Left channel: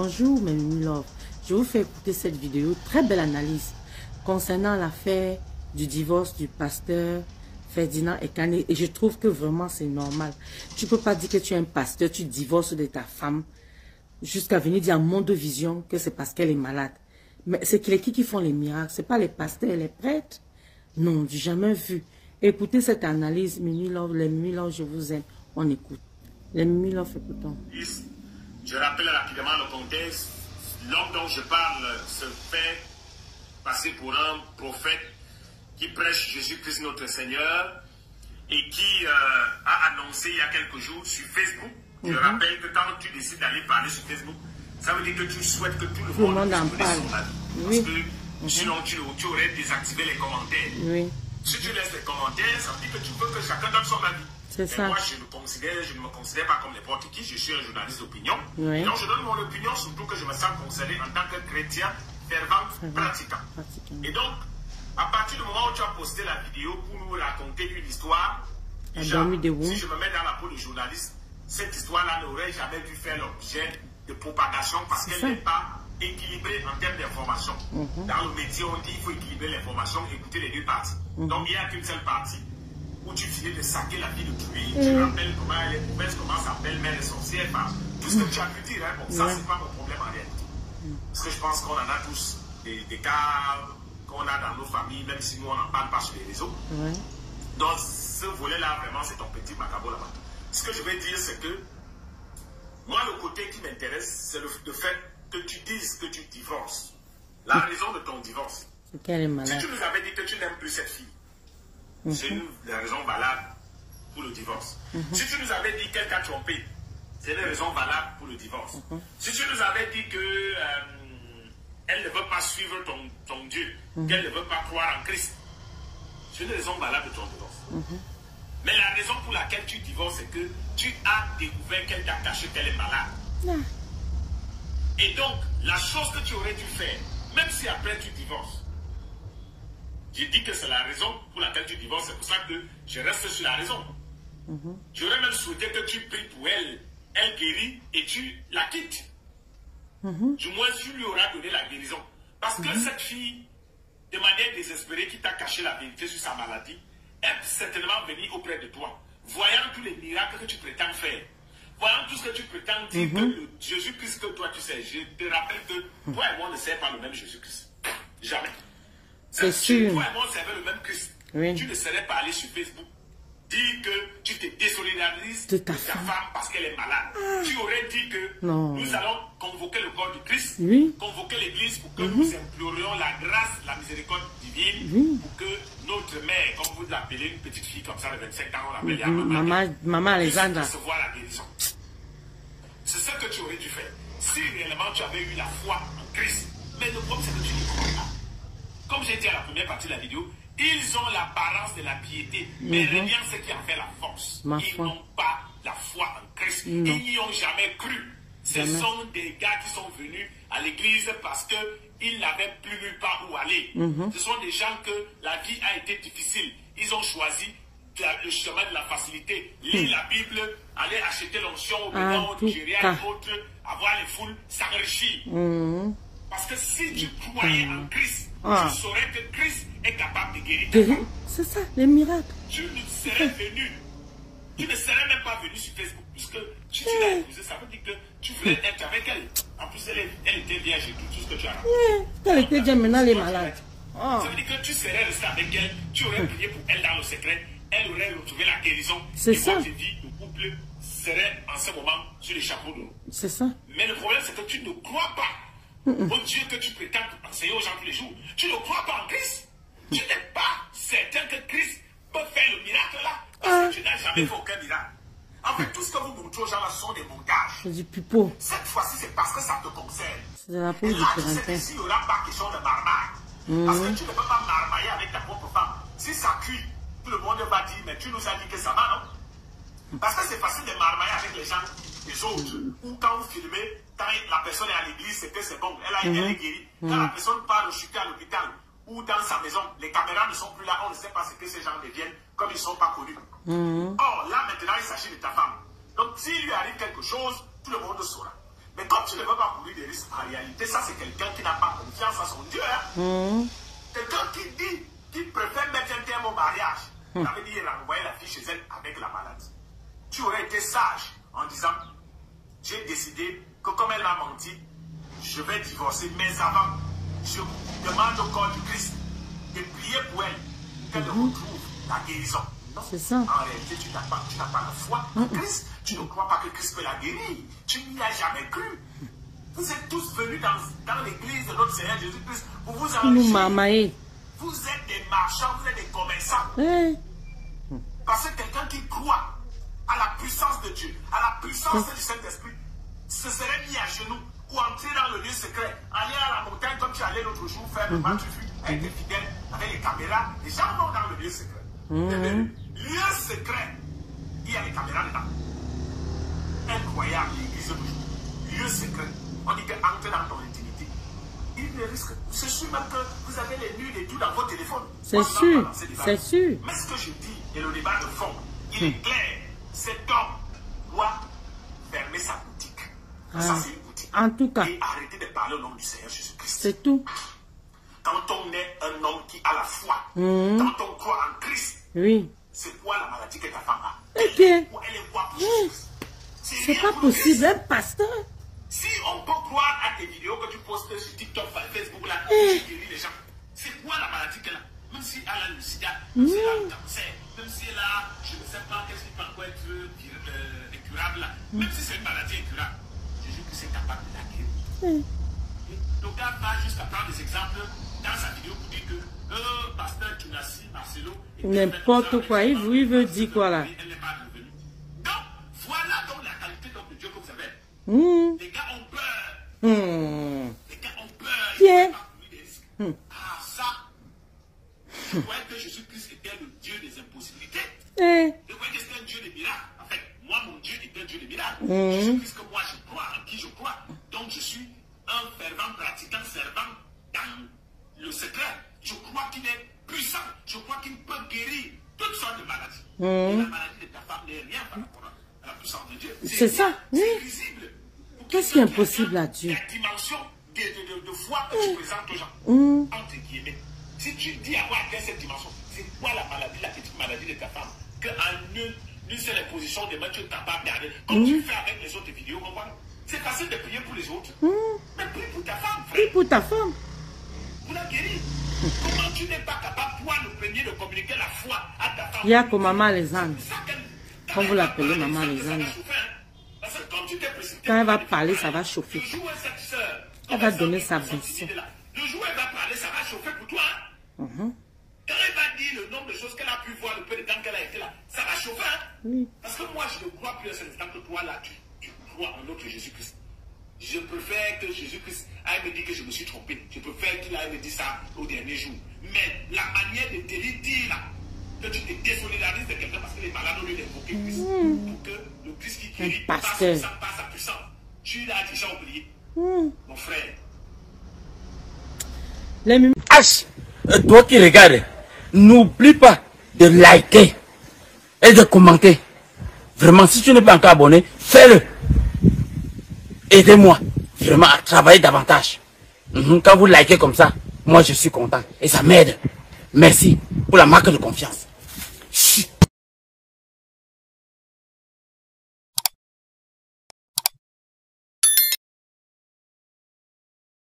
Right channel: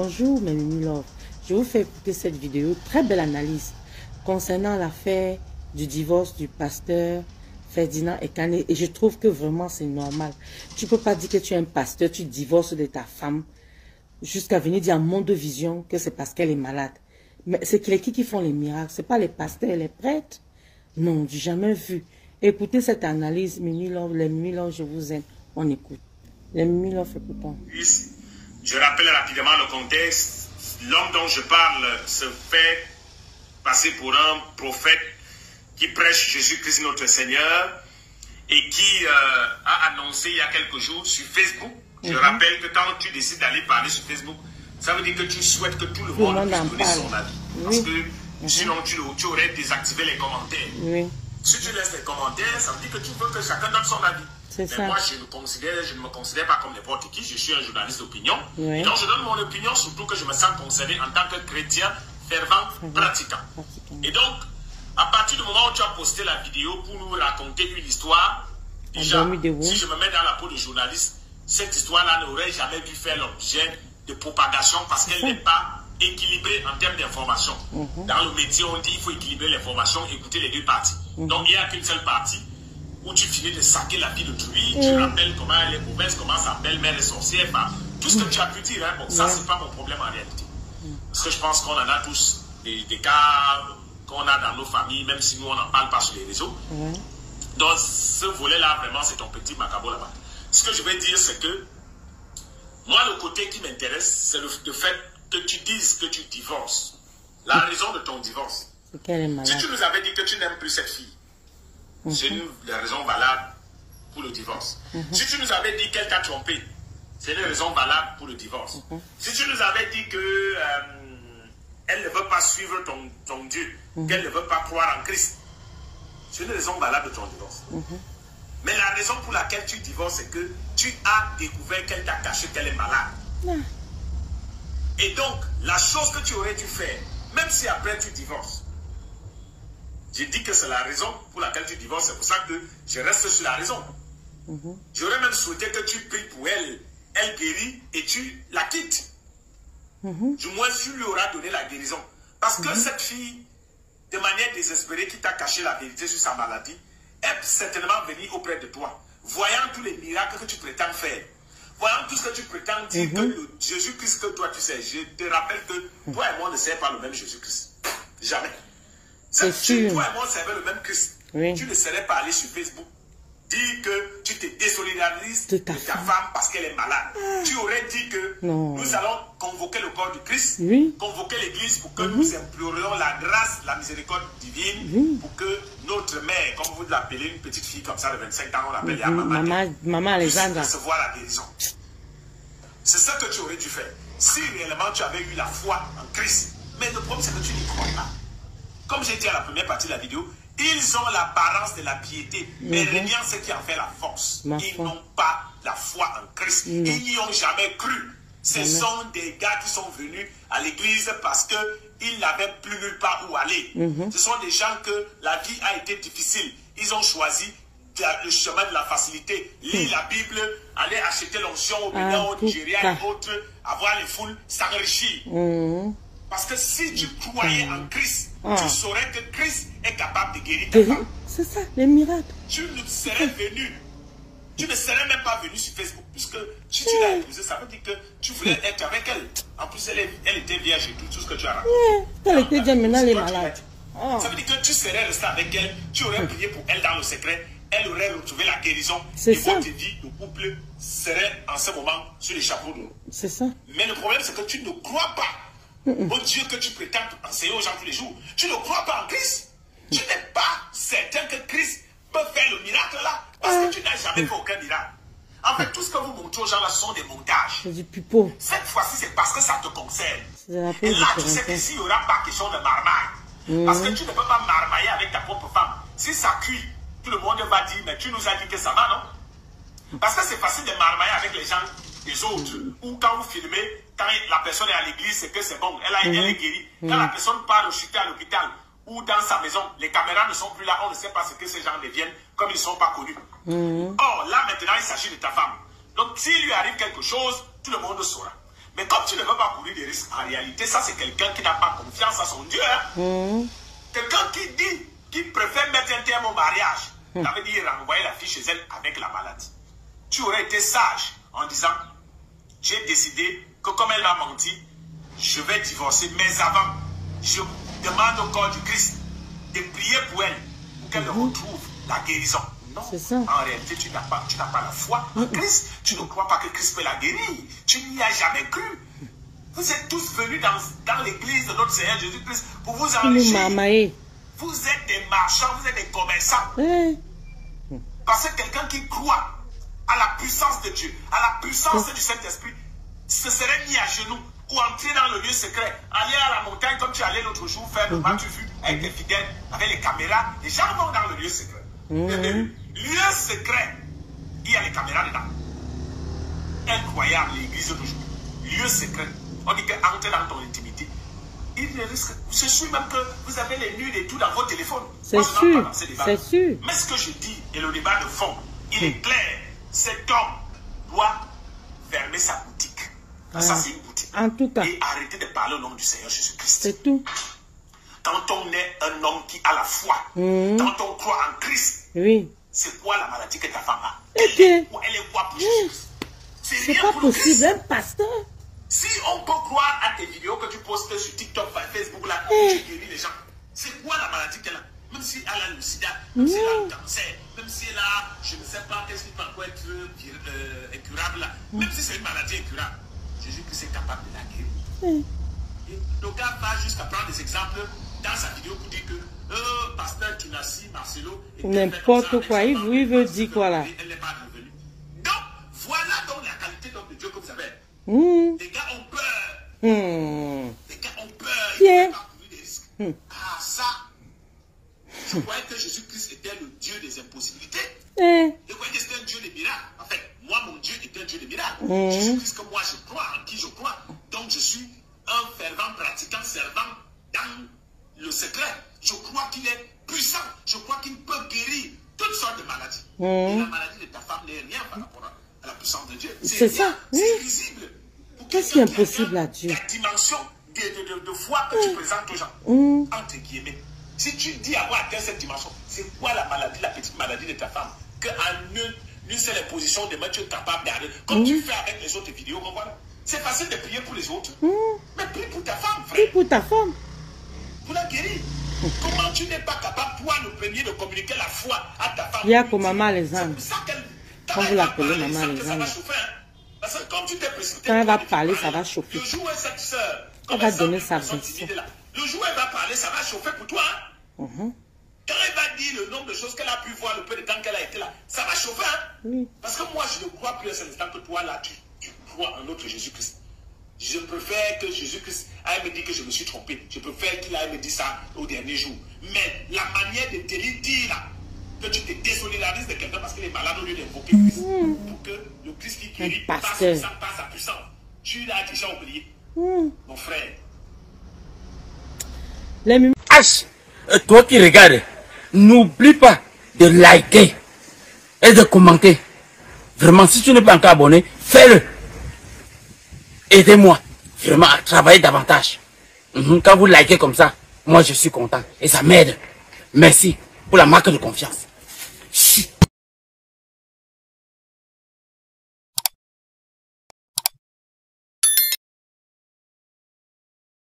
Bonjour mes mini love, je vous fais écouter cette vidéo, très belle analyse concernant l'affaire du divorce du pasteur Ferdinand Ekane, et je trouve que vraiment c'est normal. Tu peux pas dire que tu es un pasteur, tu divorces de ta femme jusqu'à venir dire à Mondovision que c'est parce qu'elle est malade. Mais c'est qui font les miracles? C'est pas les pasteurs et les prêtres? Non, j'ai jamais vu. Écoutez cette analyse, mini love, les mini love, je vous aime. On écoute. Les mini love, écoutons. Je rappelle rapidement le contexte. L'homme dont je parle se fait passer pour un prophète qui prêche Jésus-Christ notre Seigneur et qui a annoncé il y a quelques jours sur Facebook. Je rappelle que quand tu décides d'aller parler sur Facebook, ça veut dire que tu souhaites que tout le monde en parle. Parce que sinon tu aurais désactivé les commentaires. Oui. Si tu laisses les commentaires, ça veut dire que tu veux que chacun donne son avis. Mais ça. moi, je ne me considère pas comme n'importe qui. Je suis un journaliste d'opinion. Oui. Donc, je donne mon opinion, surtout que je me sens concerné en tant que chrétien, fervent, pratiquant. Et donc, à partir du moment où tu as posté la vidéo pour nous raconter une histoire, déjà, si je me mets dans la peau de journaliste, cette histoire-là n'aurait jamais dû faire l'objet de propagation parce qu'elle n'est pas équilibrée en termes d'information. Dans le métier, on dit qu'il faut équilibrer l'information, écouter les deux parties. Donc, il n'y a qu'une seule partie où tu finis de saquer la vie d'autrui, tu rappelles comment elle est mauvaise, comment sa belle-mère est sorcière, tout ce que tu as pu dire, hein, bon, ça c'est pas mon problème en réalité. Parce que je pense qu'on en a tous des cas qu'on a dans nos familles, même si nous on n'en parle pas sur les réseaux. Donc ce volet-là, vraiment, c'est ton petit macabre là-bas. Ce que je vais dire, c'est que moi, le côté qui m'intéresse, c'est le fait que tu dises que tu divorces. La raison de ton divorce. C'est qu'elle est malade. Si tu nous avais dit que tu n'aimes plus cette fille, c'est une raison valable pour le divorce. Si tu nous avais dit qu'elle t'a trompé, c'est une raison valable pour le divorce. Si tu nous avais dit que elle ne veut pas suivre ton Dieu, qu'elle ne veut pas croire en Christ, c'est une raison valable de ton divorce. Mais la raison pour laquelle tu divorces, c'est que tu as découvert qu'elle t'a caché qu'elle est malade. Et donc, la chose que tu aurais dû faire, même si après tu divorces, j'ai dit que c'est la raison pour laquelle tu divorces, c'est pour ça que je reste sur la raison. J'aurais même souhaité que tu pries pour elle, elle guérit et tu la quittes. Du moins, tu lui auras donné la guérison. Parce que cette fille, de manière désespérée, qui t'a caché la vérité sur sa maladie, est certainement venue auprès de toi, voyant tous les miracles que tu prétends faire, voyant tout ce que tu prétends dire que le Jésus-Christ que toi tu sais. Je te rappelle que toi et moi ne servons pas le même Jésus-Christ. Jamais. C'est sûr. sûr. Toi et moi, on servait le même Christ. Tu ne serais pas allé sur Facebook dire que tu te désolidarises de ta femme parce qu'elle est malade. Tu aurais dit que nous allons convoquer le corps du Christ, convoquer l'église pour que nous implorions la grâce, la miséricorde divine, pour que notre mère, comme vous l'appelez, une petite fille comme ça de 25 ans, on l'appelle Maman Alexandra, puisse recevoir la guérison. C'est ça que tu aurais dû faire. Si réellement tu avais eu la foi en Christ. Mais le problème, c'est que tu ne crois pas. Comme j'ai dit à la première partie de la vidéo, ils ont l'apparence de la piété, mais rien ce qui en fait la force. Ils n'ont pas la foi en Christ. Ils n'y ont jamais cru. Ce sont des gars qui sont venus à l'église parce qu'ils n'avaient plus nulle part où aller. Ce sont des gens que la vie a été difficile. Ils ont choisi le chemin de la facilité. Lire la Bible, aller acheter l'onction au Bénin, au Nigeria et autres, avoir les foules, s'enrichir. Parce que si tu croyais en Christ, tu saurais que Christ est capable de guérir ta femme. C'est ça, les miracles. Tu ne serais venu. Tu ne serais même pas venu sur Facebook. Puisque si tu l'as épousée, ça veut dire que tu voulais être avec elle. En plus, elle était vierge et tout ce que tu as raconté. Elle était déjà, maintenant elle est malade. Ça veut dire que tu serais resté avec elle. Tu aurais prié pour elle dans le secret. Elle aurait retrouvé la guérison. C'est ça. Votre vie, le couple serait en ce moment sur les chapeaux d'eau. C'est ça. Mais le problème, c'est que tu ne crois pas au Dieu que tu prétends enseigner aux gens tous les jours. Tu ne crois pas en Christ. Tu n'es pas certain que Christ peut faire le miracle là. Parce que tu n'as jamais fait aucun miracle. En fait, tout ce que vous montrez aux gens là sont des montages. C'est du pipeau. Cette fois-ci, c'est parce que ça te concerne. C'est de la peau et du là, tu sais Corentin. qu'ici, il n'y aura pas question de marmaille. Parce que tu ne peux pas marmailler avec ta propre femme. Si ça cuit, tout le monde va dire, mais tu nous as dit que ça va, non? Parce que c'est facile de marmailler avec les gens, les autres. Ou quand vous filmez, quand la personne est à l'église, c'est que c'est bon, elle est guérie. Quand la personne part chuter à l'hôpital ou dans sa maison, les caméras ne sont plus là, on ne sait pas ce que ces gens deviennent, comme ils ne sont pas connus. Or, là maintenant, il s'agit de ta femme. Donc, s'il lui arrive quelque chose, tout le monde saura. Mais comme tu ne veux pas courir des risques, en réalité, ça c'est quelqu'un qui n'a pas confiance à son Dieu. Hein? Quelqu'un qui préfère mettre un terme au mariage. Ça veut dire renvoyer la fille chez elle avec la maladie. Tu aurais été sage en disant, j'ai décidé que comme elle m'a menti, je vais divorcer. Mais avant, je demande au corps du Christ de prier pour elle, qu'elle retrouve la guérison. C'est ça. En réalité, tu n'as pas la foi en Christ. Tu ne crois pas que Christ peut la guérir. Tu n'y as jamais cru. Vous êtes tous venus dans l'église de notre Seigneur Jésus-Christ pour vous enrichir. Vous êtes des marchands, vous êtes des commerçants. Parce que quelqu'un qui croit à la puissance de Dieu, à la puissance du Saint-Esprit, se serait mis à genoux ou entrer dans le lieu secret, aller à la montagne comme tu allais l'autre jour faire le match vu avec tes fidèles, avec les caméras. Les gens vont dans le lieu secret. Lieu secret, il y a les caméras dedans. Incroyable, l'église du jour. Lieu secret. On dit qu'entrer dans ton intimité. Il ne risque. Je suis même que vous avez les nudes et tout dans vos téléphones. C'est sûr. C'est sûr. Mais ce que je dis, et le débat de fond, il est clair. Cet homme doit fermer sa boutique. Ça, c'est une boutique. En tout cas. Et arrêter de parler au nom du Seigneur Jésus-Christ. C'est tout. Quand on est un homme qui a la foi, quand on croit en Christ, c'est quoi la maladie que ta femme a? Elle est quoi pour Jésus? C'est pas possible, un pasteur. Si on peut croire à tes vidéos que tu postes sur TikTok, Facebook, là, tu guéris les gens, c'est quoi la maladie qu'elle a? Même si elle a le sida, même si elle a le cancer, même si elle a, je ne sais pas, qu'est-ce qui peut encore être incurable là, même si c'est une maladie incurable, Jésus-Christ est capable de la guérir. Le gars va jusqu'à prendre des exemples dans sa vidéo pour dire que pasteur Tunassi, Marcelo, n'importe quoi, il veut dire quoi là? Elle n'est pas revenue. Donc, voilà donc la qualité de Dieu que vous avez. Les gars ont peur. Les gars ont peur. Ils pas courir des risques. Ah, ça. Je croyais que Jésus-Christ était le Dieu des impossibilités. Je croyais que c'était un Dieu des miracles. En fait, moi, mon Dieu était un Dieu des miracles. Jésus-Christ, que moi, je crois, en qui je crois. Donc, je suis un fervent pratiquant servant dans le secret. Je crois qu'il est puissant. Je crois qu'il peut guérir toutes sortes de maladies. Et la maladie de ta femme n'est rien par rapport à la puissance de Dieu. C'est ça. C'est visible. Qu'est-ce qui est impossible à Dieu? La dimension de foi que tu présentes aux gens. Entre guillemets. Si tu dis à moi atteindre cette dimension, c'est quoi la maladie, la petite maladie de ta femme? Qu'en une seule position de main, tu es capable d'arriver. Comme tu fais avec les autres vidéos, voilà. C'est facile de prier pour les autres. Mais prie pour ta femme, frère. Prie pour ta femme. Vous la guérir. Comment tu n'es pas capable, toi, le premier, de communiquer la foi à ta femme? Il y a comme Maman Alexandre. Quand vous l'appelez Maman Alexandre. Parce que quand tu t'es précipité, quand elle va parler, ça va chauffer. Le jour où cette soeur, elle va donner sa version. Le jour où elle va parler, ça va chauffer pour toi. Quand elle va dire le nombre de choses qu'elle a pu voir, le peu de temps qu'elle a été là, ça va chauffer. Parce que moi, je ne crois plus à cet instant que toi, là, tu crois en notre Jésus-Christ. Je préfère que Jésus-Christ aille me dire que je me suis trompé. Je préfère qu'il aille me dire ça au dernier jour. Mais la manière de te dire là, que tu te désolidarises de quelqu'un parce que les malades ont lieu d'invoquer Christ. Pour que le Christ qui guérit passe sa puissance. Tu l'as déjà oublié. Mon frère. Toi qui regardes, n'oublie pas de liker et de commenter. Vraiment, si tu n'es pas encore abonné, fais-le. Aidez-moi vraiment à travailler davantage. Quand vous likez comme ça, moi je suis content et ça m'aide. Merci pour la marque de confiance.